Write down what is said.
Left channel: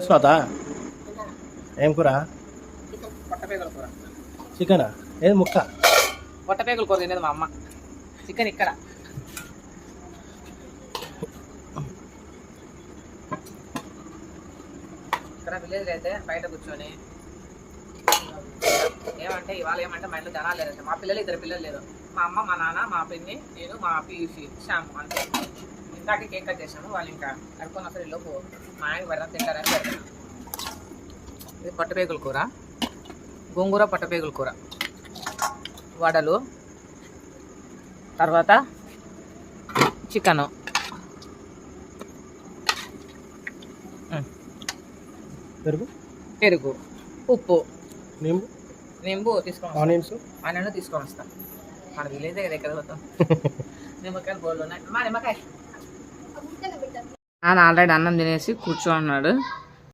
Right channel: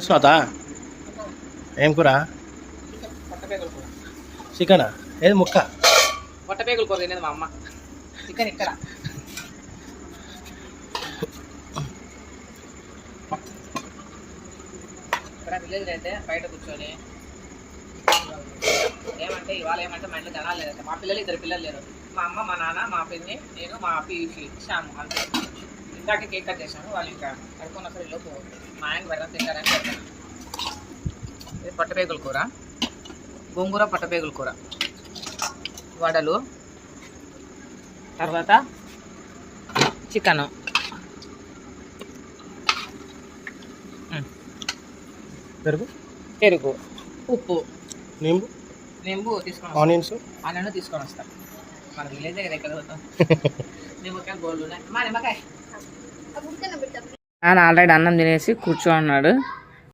చేస్తున్నావుతా ఏం కూర? పొట్టపేగుల కూర. చికెనా? ఏది ముక్క? పొట్టపేగుల కూర తినేది మా అమ్మ. చికెన్ ఇక్కడ. ఇక్కడ విలేజ్ అయితే బయట కూర్చొని ఏమంటే ఇవాళ ఏమంటే మా ఇంట్లో జనాలు లేదంటే మా పిల్లలు 2 పిల్లలు లేరు. మా అమ్మ, మా నాన్న, మా పిన్ని, నేను, మా పీయూషి శ్యాము అంతే. ఇందాకే కేక్ కట్ చేసాము. వాళ్ళు ఇంకా కడుక్కొని అసలు లోపు మా ఆయనకి పెడతాం తింటారని పెడతాను. ఇది పొట్టపేగుల కూర, గోంగూర పొట్టపేగుల కూర, వడలు, తర్వాత చికెను, పెరుగు, ఉప్పు, నింబు తీసుకొని ఆనియన్స్ తీసుకొని వస్తాం. మన విలేజ్ దగ్గర పోతాం. నిమ్మకాయలు బోళ్ళు ఉన్నాయి. మా నిమ్మకాయ నాన్న ఆల్రెడీ అన్నం తినేసి కూర్చో అన్నాడు.